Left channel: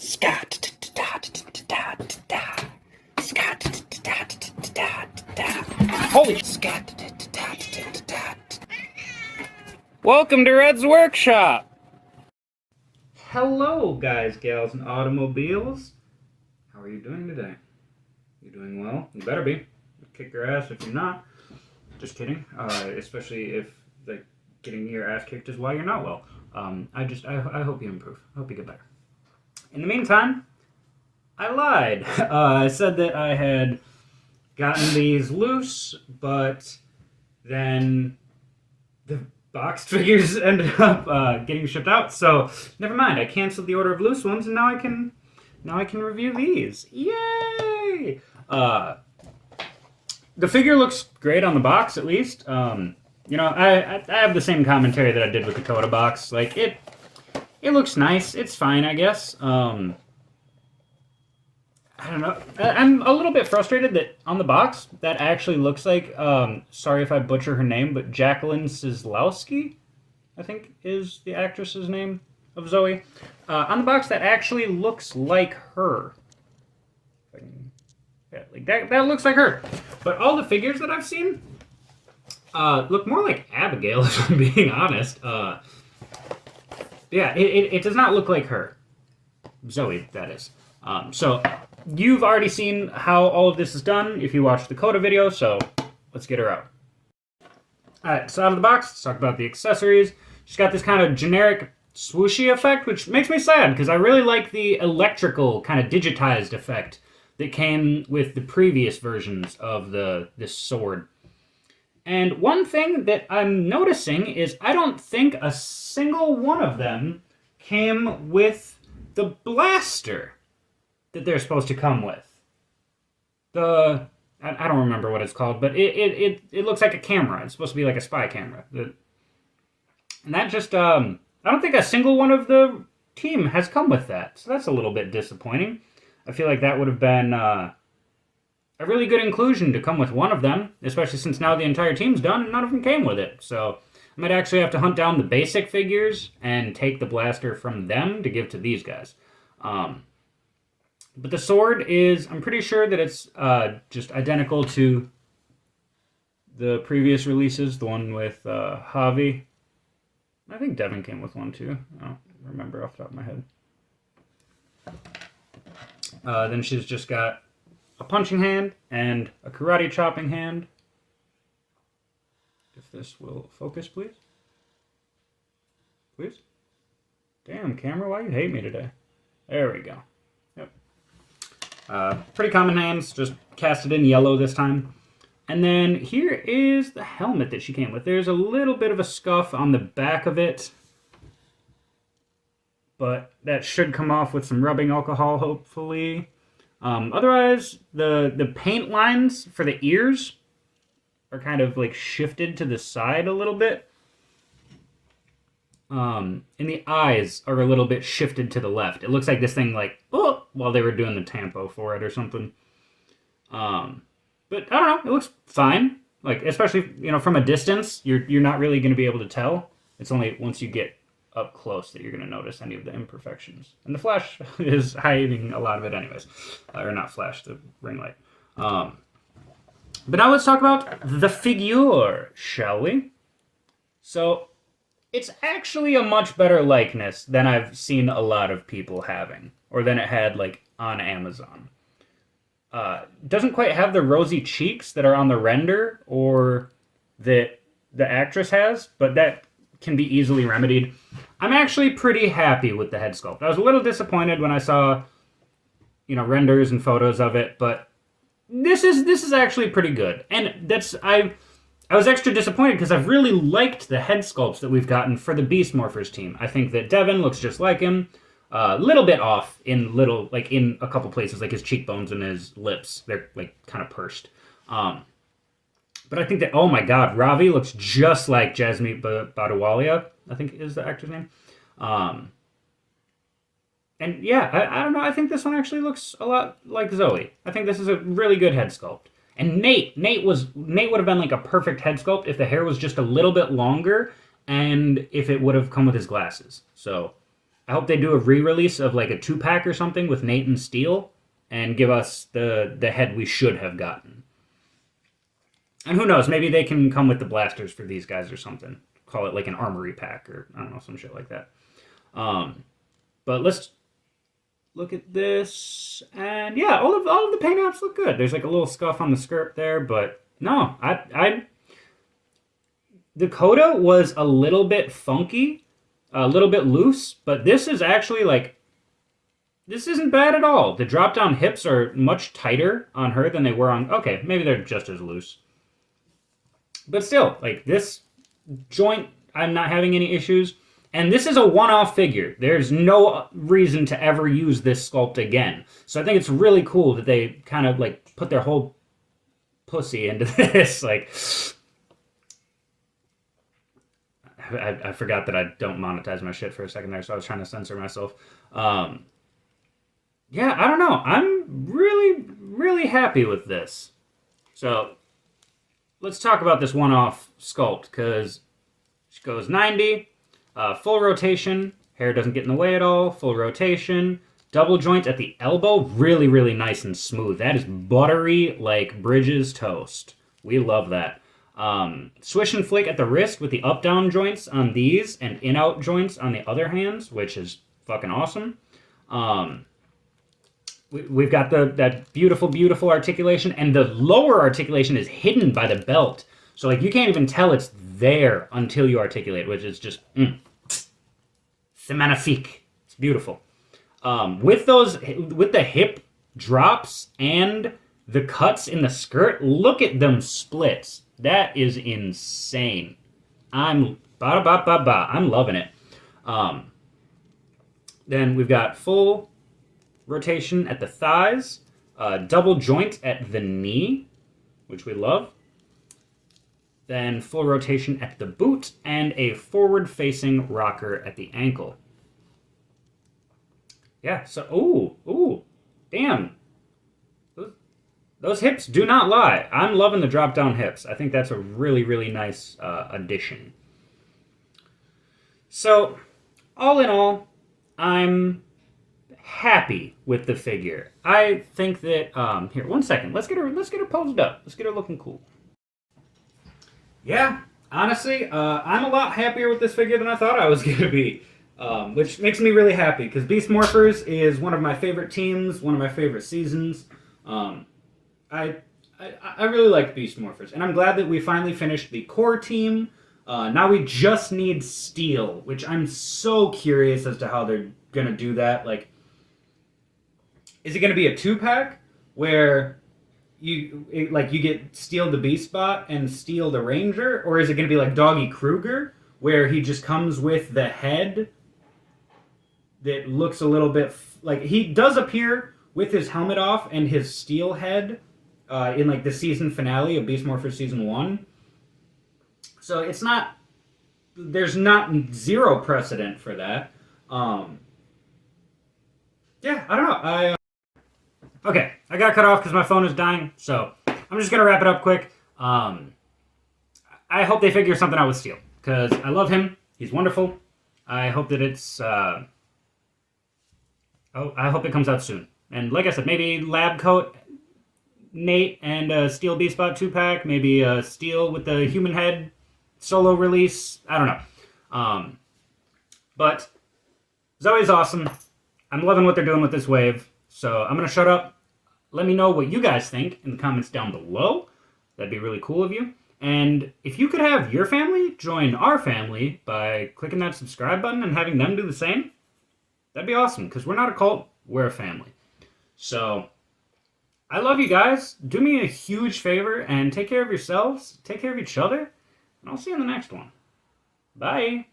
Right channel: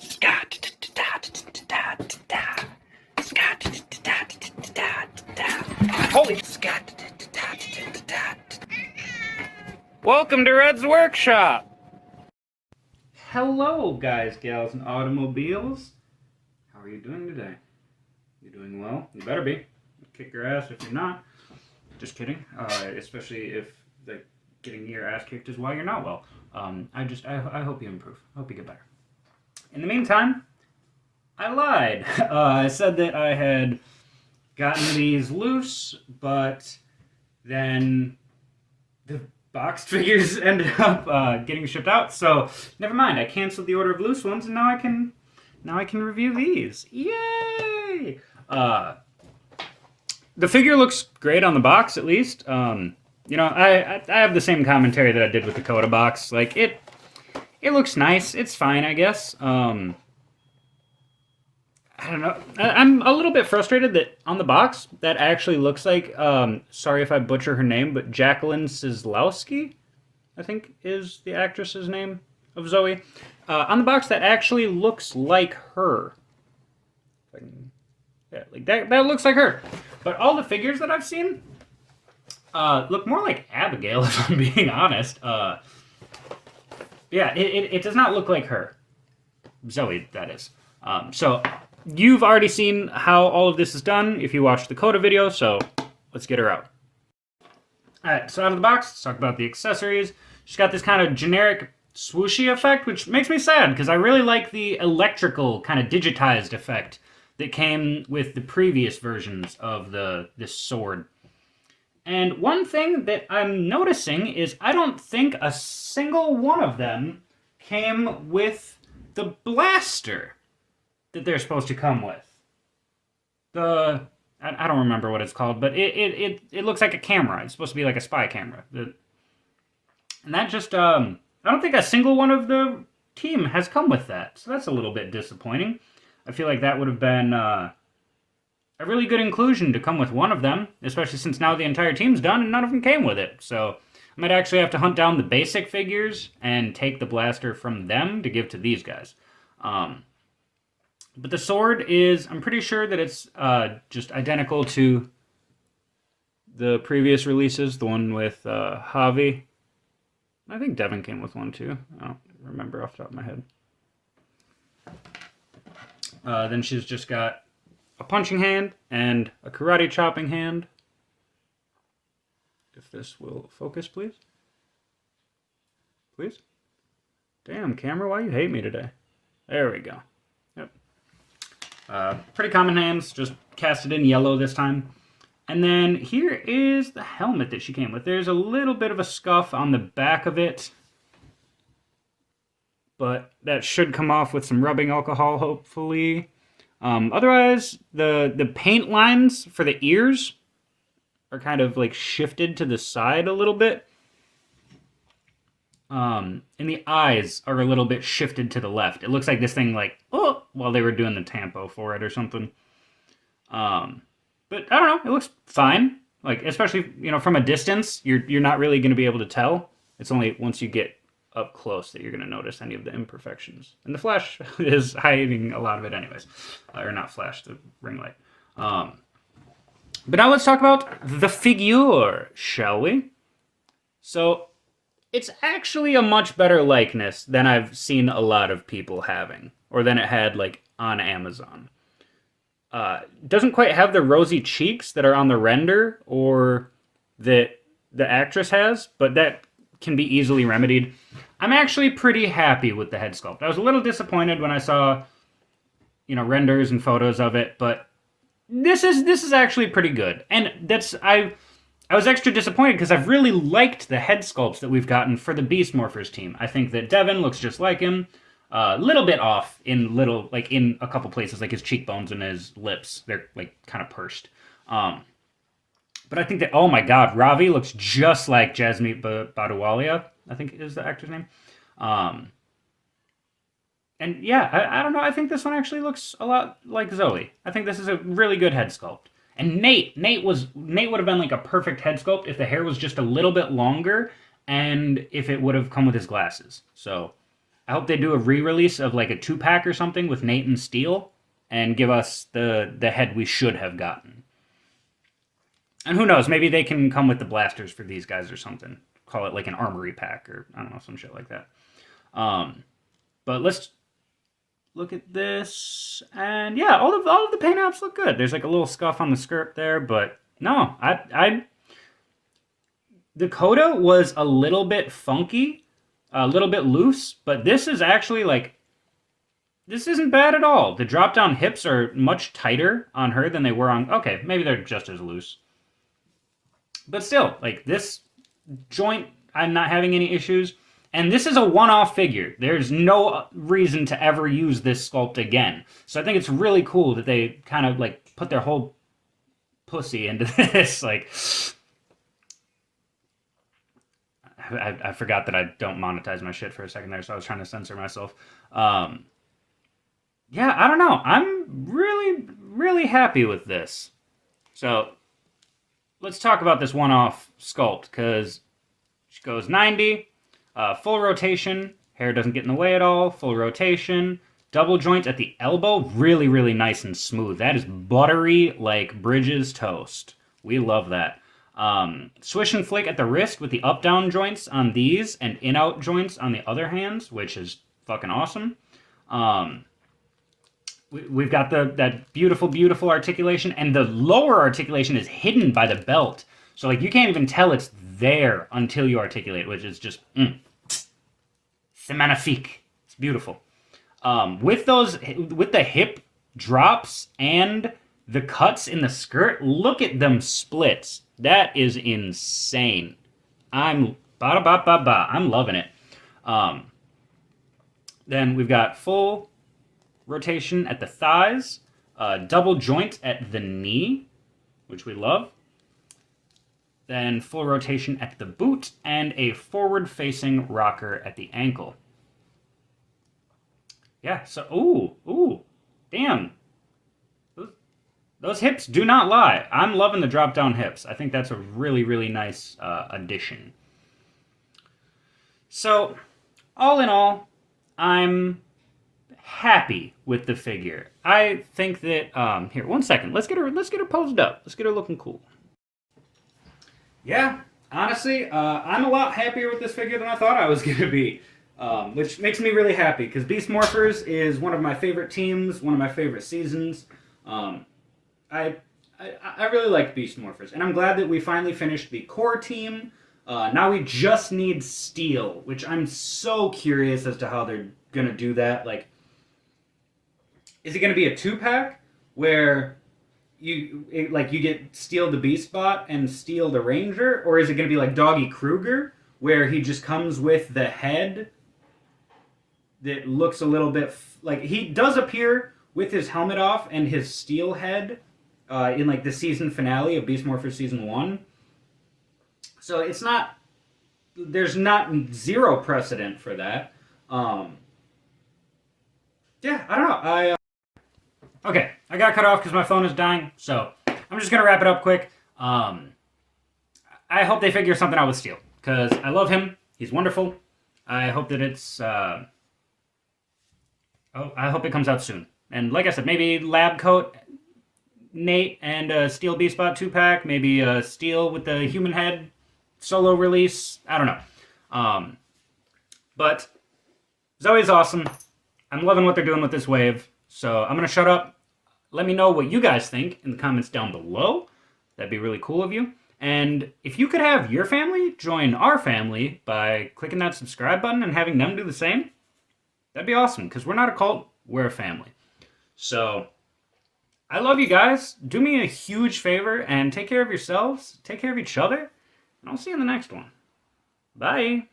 Scott. Holy Scott. Welcome to Red's Workshop. Hello, guys, gals, and automobiles. How are you doing today? You doing well? You better be. Kick your ass if you're not. Just kidding. Especially if getting your ass kicked is why you're not well. I hope you improve. I hope you get better. In the meantime, I lied. I said that I had gotten these loose, but then the box figures ended up getting shipped out. So never mind. I canceled the order of loose ones, and now I can review these. Yay! The figure looks great on the box, at least. I have the same commentary that I did with the Coda box. Like it looks nice. It's fine, I guess. I don't know. I'm a little bit frustrated that on the box that actually looks like, sorry if I butcher her name, but Jacqueline Sislowski, I think is the actress's name of Zoe. On the box that actually looks like her. Yeah, like that looks like her. But all the figures that I've seen look more like Abigail, if I'm being honest. Yeah, it does not look like her. Zoe, that is. So you've already seen how all of this is done if you watched the Coda video, so let's get her out. Alright, so out of the box, let's talk about the accessories. She's got this kind of generic swooshy effect, which makes me sad, because I really like the electrical kind of digitized effect that came with the previous versions of this sword. And one thing that I'm noticing is I don't think a single one of them came with the blaster that they're supposed to come with. I don't remember what it's called, but it looks like a camera. It's supposed to be like a spy camera. And that just, I don't think a single one of the team has come with that. So that's a little bit disappointing. I feel like that would have been a really good inclusion to come with one of them, especially since now the entire team's done and none of them came with it. So I might actually have to hunt down the basic figures and take the blaster from them to give to these guys. But the sword is, I'm pretty sure that it's just identical to the previous releases, the one with Javi. I think Devin came with one too. I don't remember off the top of my head. Then she's just got a punching hand and a karate chopping hand. If this will focus, please. Please? Damn, camera, why you hate me today? There we go. Yep. Pretty common hands, just casted in yellow this time. And then here is the helmet that she came with. There's a little bit of a scuff on the back of it, but that should come off with some rubbing alcohol, hopefully. Otherwise, the paint lines for the ears are kind of like shifted to the side a little bit. And the eyes are a little bit shifted to the left. It looks like this thing while they were doing the tempo for it or something. But I don't know, it looks fine. Like, especially, from a distance, you're not really going to be able to tell. It's only once you get up close that you're going to notice any of the imperfections. And the flash is hiding a lot of it anyways. Or not flash, the ring light. But now let's talk about the figure, shall we? So, it's actually a much better likeness than I've seen a lot of people having. Or than it had, on Amazon. Doesn't quite have the rosy cheeks that are on the render, or that the actress has, but that can be easily remedied. I'm actually pretty happy with the head sculpt. I was a little disappointed when I saw, renders and photos of it, but this is actually pretty good. And I was extra disappointed because I've really liked the head sculpts that we've gotten for the Beast Morphers team. I think that Devin looks just like him. A little bit off in in a couple places, like his cheekbones and his lips. They're kind of pursed. But I think that, oh my god, Ravi looks just like Jasmine Badawalia, I think is the actor's name. And yeah, I don't know, I think this one actually looks a lot like Zoe. I think this is a really good head sculpt. And Nate would have been a perfect head sculpt if the hair was just a little bit longer and if it would have come with his glasses. So I hope they do a re-release of like a 2-pack or something with Nate and Steel and give us the head we should have gotten. And who knows, maybe they can come with the blasters for these guys or something. Call it like an armory pack or I don't know, some shit like that. But let's look at this, and yeah, all of the paint apps look good. There's like a little scuff on the skirt there, but no, I the coda was a little bit funky, a little bit loose, but this is actually like this isn't bad at all. The drop down hips are much tighter on her than they were on. Okay, maybe they're just as loose, but still, like this joint, I'm not having any issues. And this is a one-off figure. There's no reason to ever use this sculpt again. So I think it's really cool that they kind of like put their whole pussy into this. Like, I forgot that I don't monetize my shit for a second there, so I was trying to censor myself. Yeah, I don't know. I'm really, really happy with this. So let's talk about this one-off sculpt, because she goes 90. Full rotation, hair doesn't get in the way at all. Full rotation, double joint at the elbow, really, really nice and smooth. That is buttery like Bridges toast. We love that. Swish and flick at the wrist with the up-down joints on these and in-out joints on the other hands, which is fucking awesome. We've got that beautiful, beautiful articulation, and the lower articulation is hidden by the belt. So like you can't even tell it's there until you articulate, which is just c'est magnifique. It's beautiful. With the hip drops and the cuts in the skirt, look at them splits. That is insane. I'm loving it. Then we've got full rotation at the thighs, double joint at the knee, which we love. Then full rotation at the boot, and a forward-facing rocker at the ankle. Yeah, so, ooh, damn. Those hips do not lie. I'm loving the drop-down hips. I think that's a really, really nice addition. So, all in all, I'm happy with the figure. I think that, here, one second. Let's get her posed up. Let's get her looking cool. Yeah, honestly, I'm a lot happier with this figure than I thought I was going to be, which makes me really happy, because Beast Morphers is one of my favorite teams, one of my favorite seasons. I really like Beast Morphers, and I'm glad that we finally finished the core team. Now we just need Steel, which I'm so curious as to how they're going to do that. Like, is it going to be a 2-pack where you get Steel the Beast Bot and Steel the Ranger, or is it going to be like Doggy Kruger, where he just comes with the head that looks a little bit like he does appear with his helmet off and his steel head in like the season finale of Beast Morphers season 1. So it's not, there's not zero precedent for that. Yeah, I don't know. Okay, I got cut off because my phone is dying, so I'm just going to wrap it up quick. I hope they figure something out with Steel, because I love him. He's wonderful. I hope that it's... I hope it comes out soon. And like I said, maybe Lab Coat Nate and Steel Beast Bot 2-pack, maybe Steel with the human head solo release. I don't know. But Zoe's awesome. I'm loving what they're doing with this wave. So I'm going to shut up. Let me know what you guys think in the comments down below. That'd be really cool of you. And if you could have your family join our family by clicking that subscribe button and having them do the same, that'd be awesome, because we're not a cult, we're a family. So I love you guys. Do me a huge favor and take care of yourselves, take care of each other, and I'll see you in the next one. Bye.